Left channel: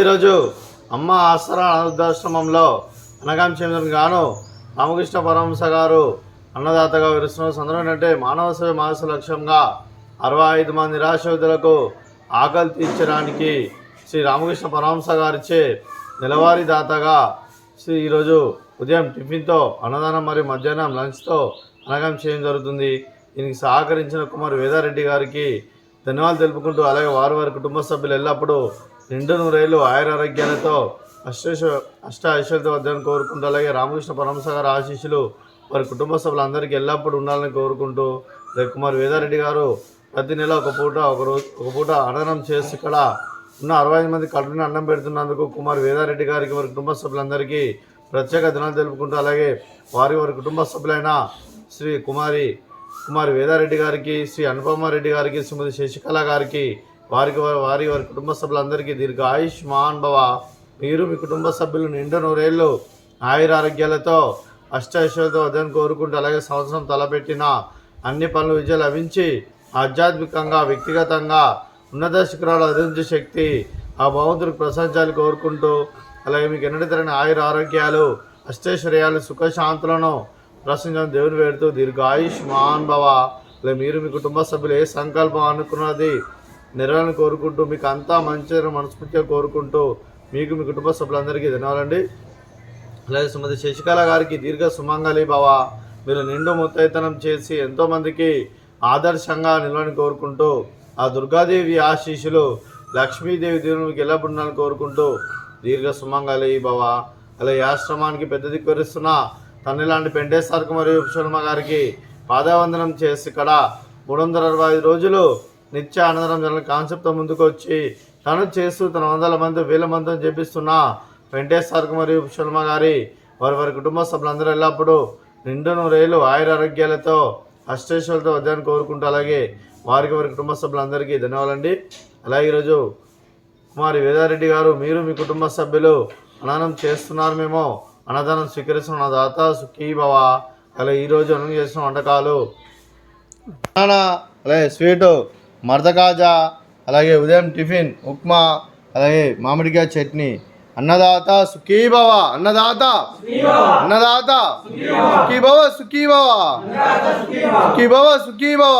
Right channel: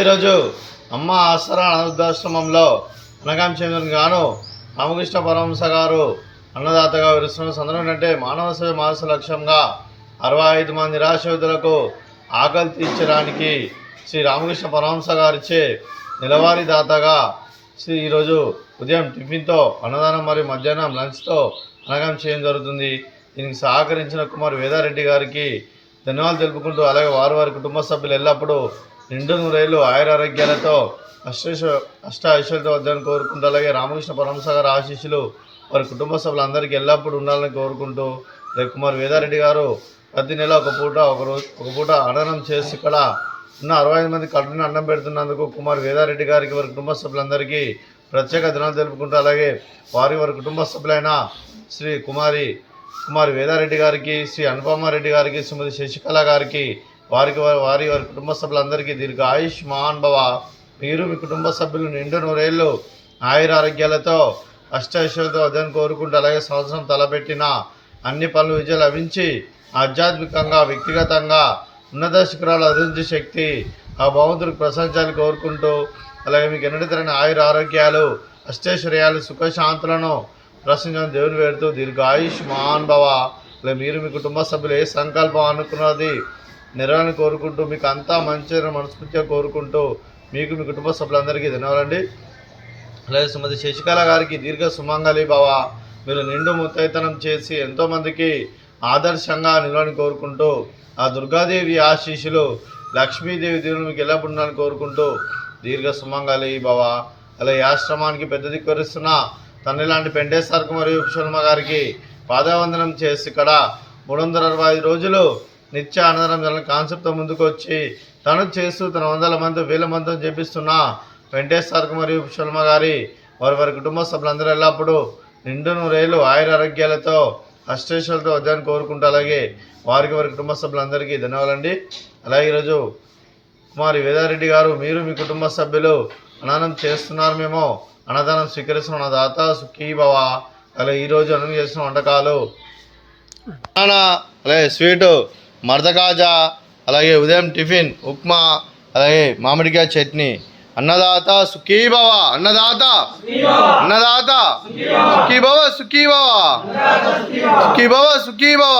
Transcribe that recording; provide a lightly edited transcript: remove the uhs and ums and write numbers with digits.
ఈరోజు అమ్మ ఆసరా అనాథాశ్రమంలో అనగాంశం గాను రామకృష్ణ పరమహంస గారు అన్నదాతగా విరుస్తున్న సందర్భం అంటే మానవ సేవ మాస లక్ష్యంగా 65 మంది నిరాశ్రితులకు ఆకలి తీర్చడానికి శ్రీ రామకృష్ణ పరమహంస గారిచే నెలవారీ దాతగా ఈరోజు ఉదయం టిఫిన్తో అన్నదానం మరియు మధ్యాహ్నం లంచ్తో అనగాం చేయడం జరుగుతుంది. దీనికి సహకరించిన కుమార్ వేదారెడ్డి గారికి ధన్యవాదాలు తెలుపుకుంటూ, అలాగే వారి కుటుంబ సభ్యులు ఎల్లప్పుడూ నిండు నూరేళ్ళు ఆయురారోగ్యాలతో అష్ట ఐశ్వర్యాలతో వద్దని కోరుకుంటూ, అలాగే రామకృష్ణ పరమహంస గారి ఆశీస్సులు వారి కుటుంబ సభ్యులందరికీ ఎల్లప్పుడూ ఉండాలని కోరుకుంటూ, కుమార్ వేదారెడ్డి గారు ప్రతి నెల ఒక పూట అన్నదానం చేసి ఇక్కడ ఉన్న 65 మంది కడుపున అన్నం పెడుతున్నందుకు కుమార్ వేదారెడ్డి గారికి వారి కుటుంబ సభ్యులందరికీ ప్రత్యేక ధన్యవాదాలు తెలుపుకుంటూ, అలాగే వారి కుటుంబ సభ్యులైన శ్రీ కుమారి వేదారెడ్డి గారికి, శ్రీ అనుపమారెడ్డి గారికి, శ్రీమతి శశికళ గారికి, వారి కుటుంబ సభ్యులందరికీ దీర్ఘ ఆయుష్మాన్ భవ. మీరు మీ కుటుంబ సభ్యులు నిండు నూరేళ్ళు ఆయురారోగ్యాలతో అష్టైశ్వర్యాలతో వద్దని కోరుకుంటూ, అలాగే సంవత్సరం తలపెట్టిన అన్ని పనులు విజయం లభించి ఆధ్యాత్మికంగా వ్యక్తిగతంగా ఉన్నత శిఖరాలు అధించే శక్తి ఆ భగవంతుడికి ప్రసాదించాలని కోరుకుంటూ, అలాగే మీకు ఎన్నటి తరని ఆరోగ్యాలు అష్టైశ్వర్యాలు సుఖశాంతులను ప్రశ్నించడం దేవుని వేడుతూ దీర్ఘ ఆయుష్మాన్ భవ. అలాగే మీరు మీ కుటుంబ సభ్యులు ఏ సంకల్పం అనుకున్నది నెరవేరని కోరుకుంటూ, మీకు అంతా మంచి మనస్ఫూర్తిగా కోరుకుంటూ, మీకు మీ కుటుంబ సభ్యులందరికీ ధన్యవాదాలండి. అలాగే శ్రీమతి శశికళ గారికి దీర్ఘ సుమంగళి భవ. మీరు నిండు ముత్తైతనం చేసి ఎంతోమందికి ఆదర్శంగా నిలవని కోరుకుంటూ, ఆ దుర్గాదేవి ఆశీస్సులు లక్ష్మీదేవి దేవుని మీకు ఎల్లప్పుడు ఉండాలని కోరుకుంటూ దీర్ఘ సుమంగళి భవ. అలాగే ఆశ్రమానికి పెద్ద దిక్కువరిస్తున్న తండ్రి లాంటి పెంటేశ్వర మరియు శర్మ గారికి పాదవందనం చేసి ఇక్కడ 365 రోజులు నిత్య అన్నదానం జరగని కాన్సెప్ట్తో ముందుకు వచ్చి తను చేస్తూ తన 100 మంది 1000 మందితో చేపిస్తున్న వెంకటేశ్వర మరియు శర్మ గారి వారి కుటుంబ సభ్యులందరూ ఎల్లప్పుడూ నిండు నూరేళ్ళు ఆయురారోగ్యాలతో అష్టైశ్వర్యాలతో వద్దని కోరుకుంటూ, అలాగే వారి కుటుంబ సభ్యులందరికీ ధన్యవాదాలండి. అలాగే ఈరోజు కుమారి వేదారెడ్డి గారు మీరు మీ కుటుంబ సభ్యులు అన్నదానం చేస్తున్నారు, మేము అన్నదానం స్వీకరిస్తున్న దాత సుఖీ భవ. అలాగే ఈరోజు అన్నం చేసిన వంటకాలు అలాగే స్వీటు మర్దకాజా, అలాగే ఉదయం టిఫిన్ ఉప్మా, అలాగే మామిడికాయ చట్నీ. అన్నదాత సుఖీ భవ, అన్నదాత సుఖీ భవ, సుఖీ భవ, సుఖీ భవ, సుఖీ భవ.